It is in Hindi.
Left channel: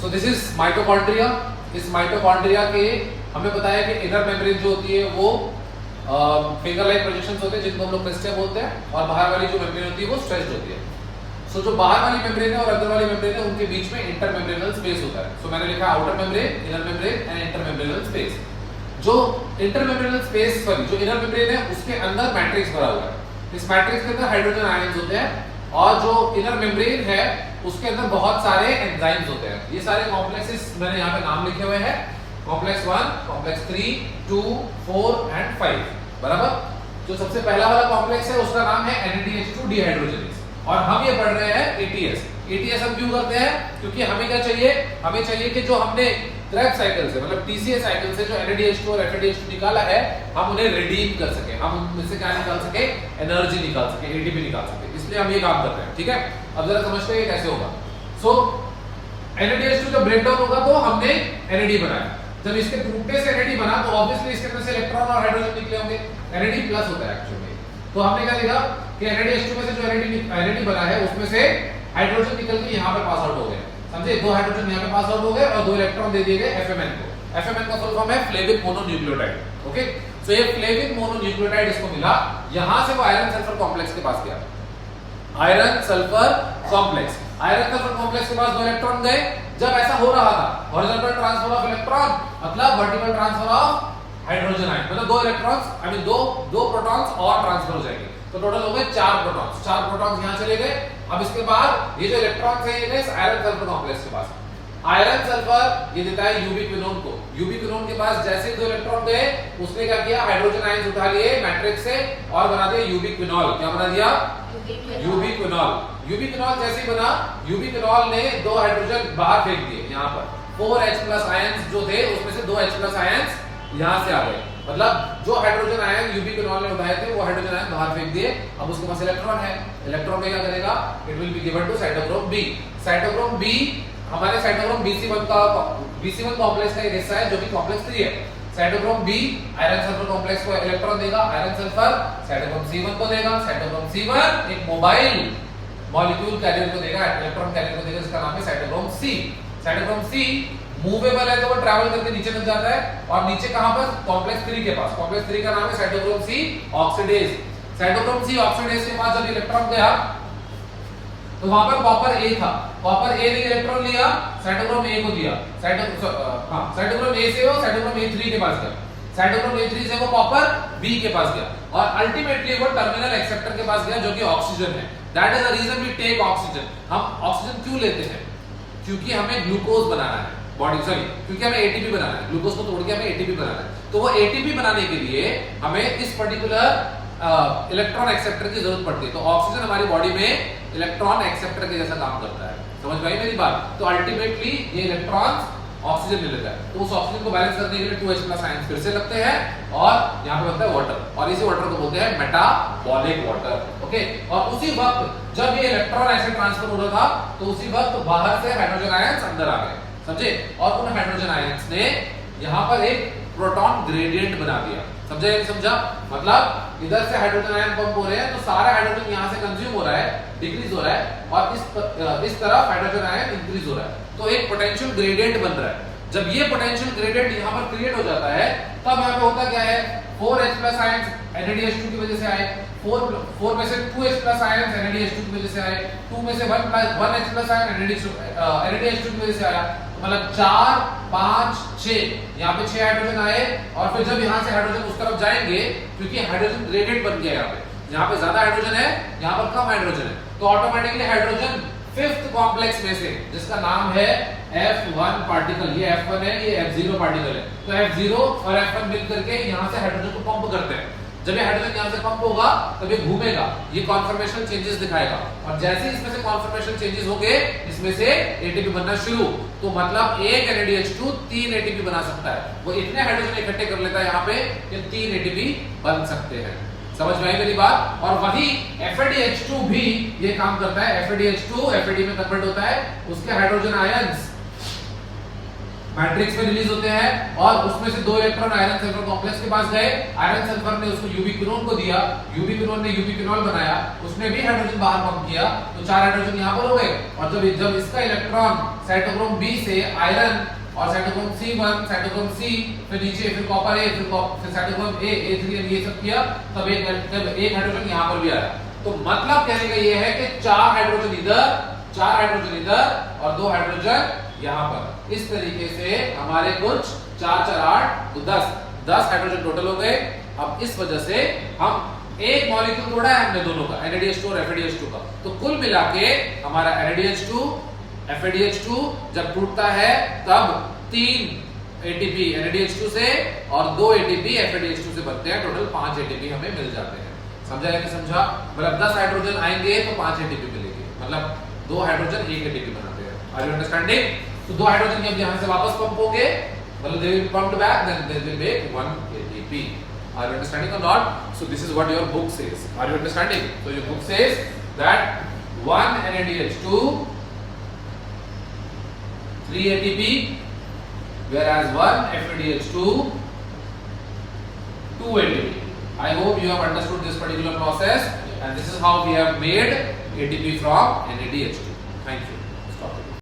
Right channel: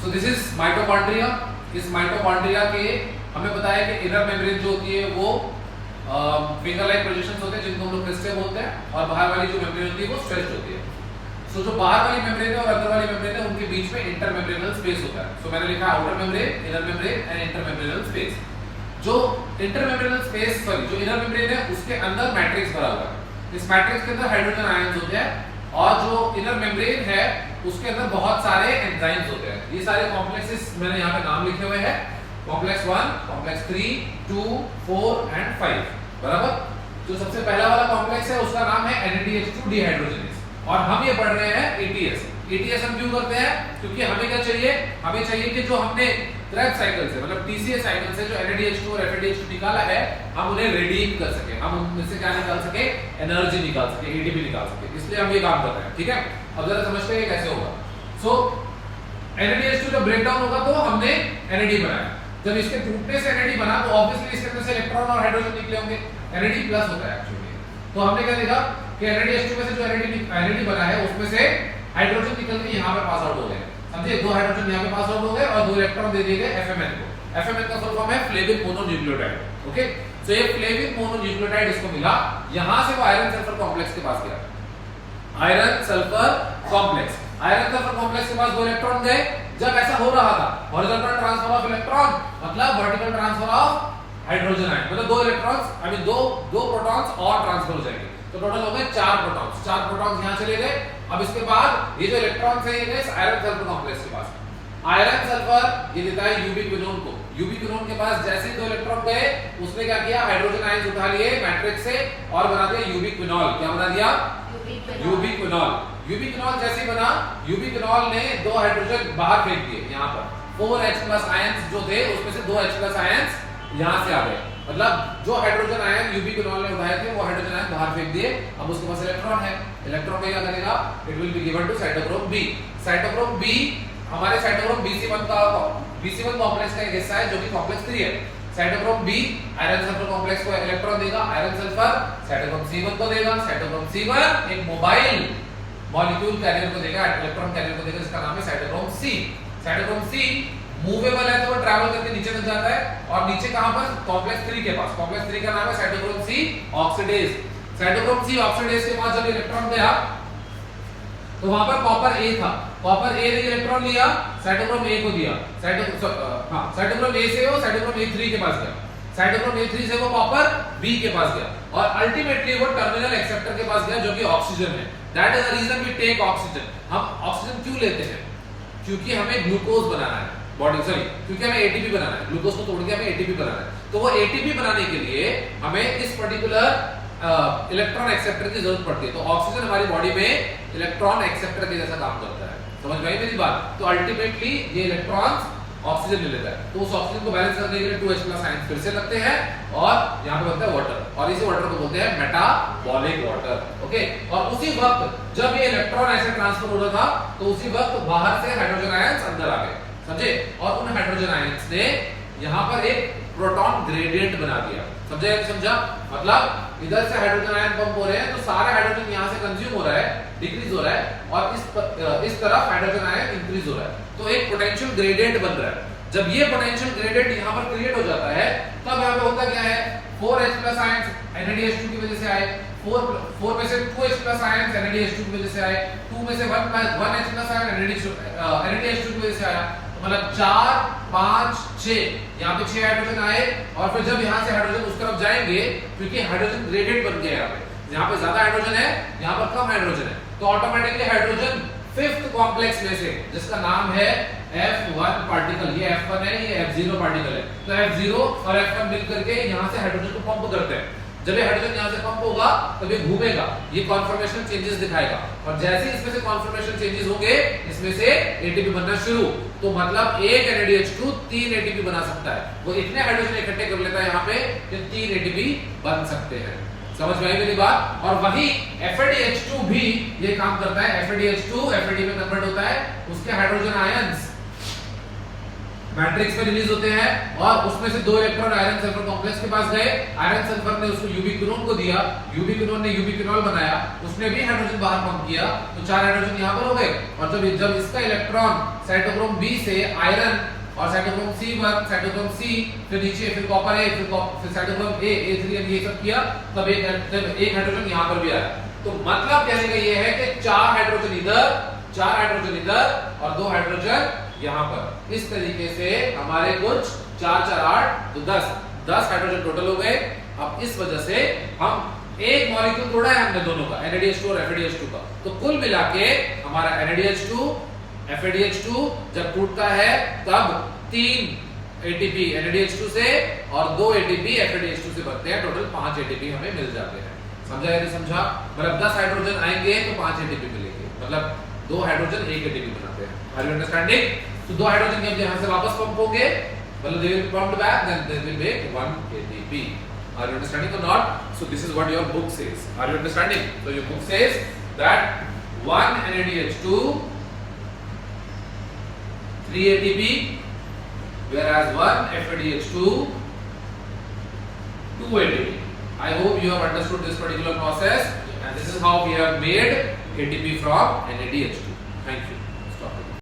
So this is mitochondria. इस माइटोकॉन्ड्रिया के हमें बताया कि इनर मेम्ब्रेन जो होती है वो फिंगर लाइक प्रोजेक्शंस होते हैं जिनको हम लोग क्रिस्टल बोलते हैं, और बाहर वाली जो मेम्ब्रेन होती है वो स्ट्रेच्ड होती है। सो जो बाहर वाली मेम्ब्रेन है और अंदर वाली मेम्ब्रेन है उनके बीच में इंटरमेम्ब्रेनल स्पेस होता है। सो मैंने लिखा outer membrane, inner membrane and intermembranal space. जो इंटरमेम्ब्रेनल स्पेस सॉरी जो इनर मेम्ब्रेन है उसके अंदर मैट्रिक्स भरा हुआ है। इस मैट्रिक्स के अंदर हाइड्रोजन आयंस होते हैं, और जो इनर मेम्ब्रेन है उसके अंदर बहुत सारे एंजाइम्स होते हैं। ये सारे कॉम्प्लेक्सेस मैंने यहाँ पे नाम लिखे हुए हैं, कॉम्प्लेक्स 1, कॉम्प्लेक्स 3, 2, 4 एंड 5, बराबर। जो सबसे पहला वाला कॉम्प्लेक्स है उसका नाम है NADH2 डिहाइड्रोजनेज, और हम ये पढ़ रहे हैं ATS। ATS हम क्यों करते हैं? क्योंकि हमें क्या चाहिए, हमें चाहिए कि जो हमने क्रैब साइकिल से मतलब TCA साइकिल से जो NADH2 और FADH2 निकाला है हम उन्हें रिडीम कर सके, हम उनमें से क्या निकाल सके, एनर्जी निकाल सके, ATP निकाल सके। इसलिए हम ये काम कर रहे हैं, ठीक है। अब जरा समझते हैं कैसे होगा। सो NADH2 जब ब्रेक डाउन होगा तो हमने NAD बनाया, जब इसके टूटने से NAD बना तो ऑब्वियसली इसके अंदर से इलेक्ट्रॉन और हाइड्रोजन निकले होंगे, NAD प्लस होता है एक्चुअली। तो हमने क्या देखा कि NADH2 में से जो NAD बना है उसमें से हाइड्रोजन निकल के यहाँ पे पास आउट हो गए, समझे। 2 हाइड्रोजन यहाँ पे पास आउट हो गए और 2 इलेक्ट्रॉन दे दिए गए FMN को। FMN का फुल फॉर्म है फ्लेविक मोनोन्यूक्लियोटाइड, ओके। सो ये फ्लेविक मोनोन्यूक्लियोटाइड इसको मिला, यहां से वो आयरन सल्फर कॉम्प्लेक्स के पास गया, iron sulphur complex. Iron sulphur complex के पास 2 इलेक्ट्रॉन गए। जब ऐसा हो रहा था हॉरिजॉन्टल ट्रांसफर ऑफ इलेक्ट्रॉन मतलब vertical transfer of hydrogen ion, मतलब 2 इलेक्ट्रॉन्स आई मीन 2 प्रोटॉन्स और ट्रांसफर हो जाएंगे, तो टोटल हो गए 4 प्रोटॉन्स। 4 प्रोटॉन्स यहां चले गए। अब इसके बाद ये जो इलेक्ट्रॉन्स है ये गए आयरन सल्फर कॉम्प्लेक्स के पास। आयरन सल्फर ये देता है यूबिक्विनोन को। यूबिक्विनोन के पास जैसे 2 इलेक्ट्रॉन गए उसने क्या किया, हाइड्रोजन आयन उठा लिए मैट्रिक्स से और बना दिया यूबिक्विनॉल। क्या बना दिया? यूबिक्विनॉल। यूबिक्विनॉल जैसे ही बना, यूबिक्विनॉल ने 2 हाइड्रोजन बाहर फेंक दिए। यहाँ पर 4H+ आयंस जो थे उसमें से 2H+ आयंस यहाँ से आ गए, मतलब जो हाइड्रोजन आयन यूबिक्विनॉल ने उठाए थे वो हाइड्रोजन आयन बाहर फेंक दिए। अब उसके पास इलेक्ट्रॉन है, इलेक्ट्रॉन में क्या करेगा, it will be given to cytochrome B. Cytochrome B हमारे साइटोक्रोम BC1 कॉम्प्लेक्स का एक हिस्सा है जो कि कॉम्प्लेक्स 3 है। Cytochrome B iron sulphur complex को इलेक्ट्रॉन देगा, आयरन सल्फर साइटोक्रोम C1 को देगा। साइटोक्रोम C1 एक मोबाइल मॉलिक्यूल कैरियर को देगा, इलेक्ट्रॉन कैरियर को देगा, जिसका नाम है cytochrome C। Cytochrome C movable है तो वो ट्रैवल करके नीचे बन जाता है, और नीचे कहां पर, कॉम्प्लेक्स 3 के पास। कॉम्प्लेक्स 3 का नाम है cytochrome C oxidase. Cytochrome C oxidase के पास जब इलेक्ट्रॉन गया तो वहां पर कॉपर A था, कॉपर A ने इलेक्ट्रॉन लिया, साइटोक्रोम A को दिया। साइटोक्रोम A से वो साइटोक्रोम A3 के पास गया, साइटोक्रोम A3 से वो कॉपर B के पास गया, और अल्टीमेटली वो टर्मिनल एक्सेप्टर के पास गया जो कि ऑक्सीजन है। That is the reason we take oxygen. हम ऑक्सीजन क्यों लेते हैं? क्योंकि हमें ग्लूकोज बनाना है बॉडी, सॉरी क्योंकि हमें ATP बनाना है, ग्लूकोज को तोड़ के हमें ATP बनाना है। तो वो ATP बनाने के लिए हमें इस पर्टिकुलर इलेक्ट्रॉन एक्सेप्टर की जरूरत पड़ती है। तो ऑक्सीजन हमारी बॉडी में इलेक्ट्रॉन एक्सेप्टर के जैसा काम करता है, समझ पाई मेरी बात। तो अल्टीमेटली ये इलेक्ट्रॉन्स ऑक्सीजन ले लेता है, तो उस ऑक्सीजन को बैलेंस करने के लिए 2H+ आयंस फिर से लगते हैं, और यहाँ पे बनता है वाटर, और इसी वाटर को बोलते हैं मेटाबॉलिक वाटर, ओके। और उसी वक्त जब ये इलेक्ट्रॉन ऐसे ट्रांसफर हो रहा था तो उसी वक्त बाहर से हाइड्रोजन आयंस अंदर आ गए, समझे। और उन हाइड्रोजन आयंस ने यहाँ पर एक प्रोटॉन ग्रेडियंट बना दिया, समझा या नहीं समझा? मतलब इधर से हाइड्रोजन आयन पंप हो रहे हैं तो सारा हाइड्रोजन यहाँ से कंज्यूम हो रहा है, डिक्रीज हो रहा है, और इस तरफ हाइड्रोजन आयन इंक्रीज हो रहा है, तो एक पोटेंशियल ग्रेडियंट बन रहा है। जब ये पोटेंशियल ग्रेडियंट यहाँ पर क्रिएट हो जाता है तब यहाँ पे होता क्या है, 4H+ आयंस NADH2 की वजह से आए, 4 में से 2H+ आयंस NADH2 की वजह से आए, 2 में से 1H+ आयन NADH2 की वजह से आया, मतलब 4, 5, 6 यहाँ पे 6 हाइड्रोजन आए, और फिर जब यहाँ से हाइड्रोजन उस तरफ जाएंगे क्योंकि हाइड्रोजन ग्रेडियंट बन गया यहाँ पे ज्यादा हाइड्रोजन है, यहाँ पर कम हाइड्रोजन है, तो ऑटोमेटिकली हाइड्रोजन 5th कॉम्प्लेक्स में से जिसका नाम है F1 पार्टिकल, ये F1 है, ये F0 पार्टिकल है, तो F0 और F1 मिलकर के यहाँ से हाइड्रोजन को पंप करते हैं। जब ये हाइड्रोजन यहाँ से पंप होगा तब ये घूमेगा, ये कॉन्फर्मेशन चेंजेस दिखाएगा, और जैसे ही इसमें से कॉन्फर्मेशन चेंजेस होंगे इसमें से ATP बनना शुरू। तो मतलब एक NADH2 3 ATP बना सकता है, वो इतने हाइड्रोजन इकट्ठे कर लेता है यहाँ पे कि 3 ATP बन सकते हैं, समझ में आई मेरी बात। और वही FADH2 भी ये काम करता है, FADH2 FAD में कन्वर्ट होता है, उसके हाइड्रोजन आयंस मैट्रिक्स में रिलीज होते हैं और उसमें से 2 इलेक्ट्रॉन आयरन सल्फर कॉम्प्लेक्स के पास गए, आयरन सल्फर ने उसको यूबिक्विनोन को दिया, यूबिक्विनोन ने यूबिक्विनोल बनाया, उसने भी हाइड्रोजन बाहर पंप किया, तो 4 हाइड्रोजन यहां पर हो गए। और जब इसका इलेक्ट्रॉन साइटोक्रोम बी से आयरन और साइटोक्रोम C1, साइटोक्रोम C, फिर नीचे फिर कॉपर A, फिर साइटोक्रोम A3 ये सब किया, तब एक हाइड्रोजन यहां पर भी आया। तो मतलब कहने का ये है कि 4 हाइड्रोजन इधर और 2 हाइड्रोजन यहां पर। इस तरीके से हमारे कुछ 4 4 8 तो 10 हाइड्रोजन टोटल हो गए। अब इस वजह से हम एक मॉलिक्यूल तोड़ा है हमने दोनों का, NADH2 और FADH2 का, तो कुल मिला के हमारा NADH2 FADH2 जब टूटता है तब 3 ATP NADH2 से और 2 ATP FADH2 से बनते हैं, टोटल 5 ATP हमें मिल जाते हैं। समझा या नहीं समझा? मतलब 10 हाइड्रोजन आएंगे तो 5 ATP मिलेंगे, मतलब 2 हाइड्रोजन 1 ATP बनाते हैं। Are you understanding? तो 2 हाइड्रोजन जब यहां से वापस पंप होंगे, मतलब they will be pumped back, then they will make 1 ATP. Are you understanding or not? So this is what your book says. Are you understanding? So your book says that 1 NADH2, 3 ATP, whereas 1 FADH2, 2 ATP. I hope you have understood this particular process, and this is how we have made ATP from NADH2. Thank you.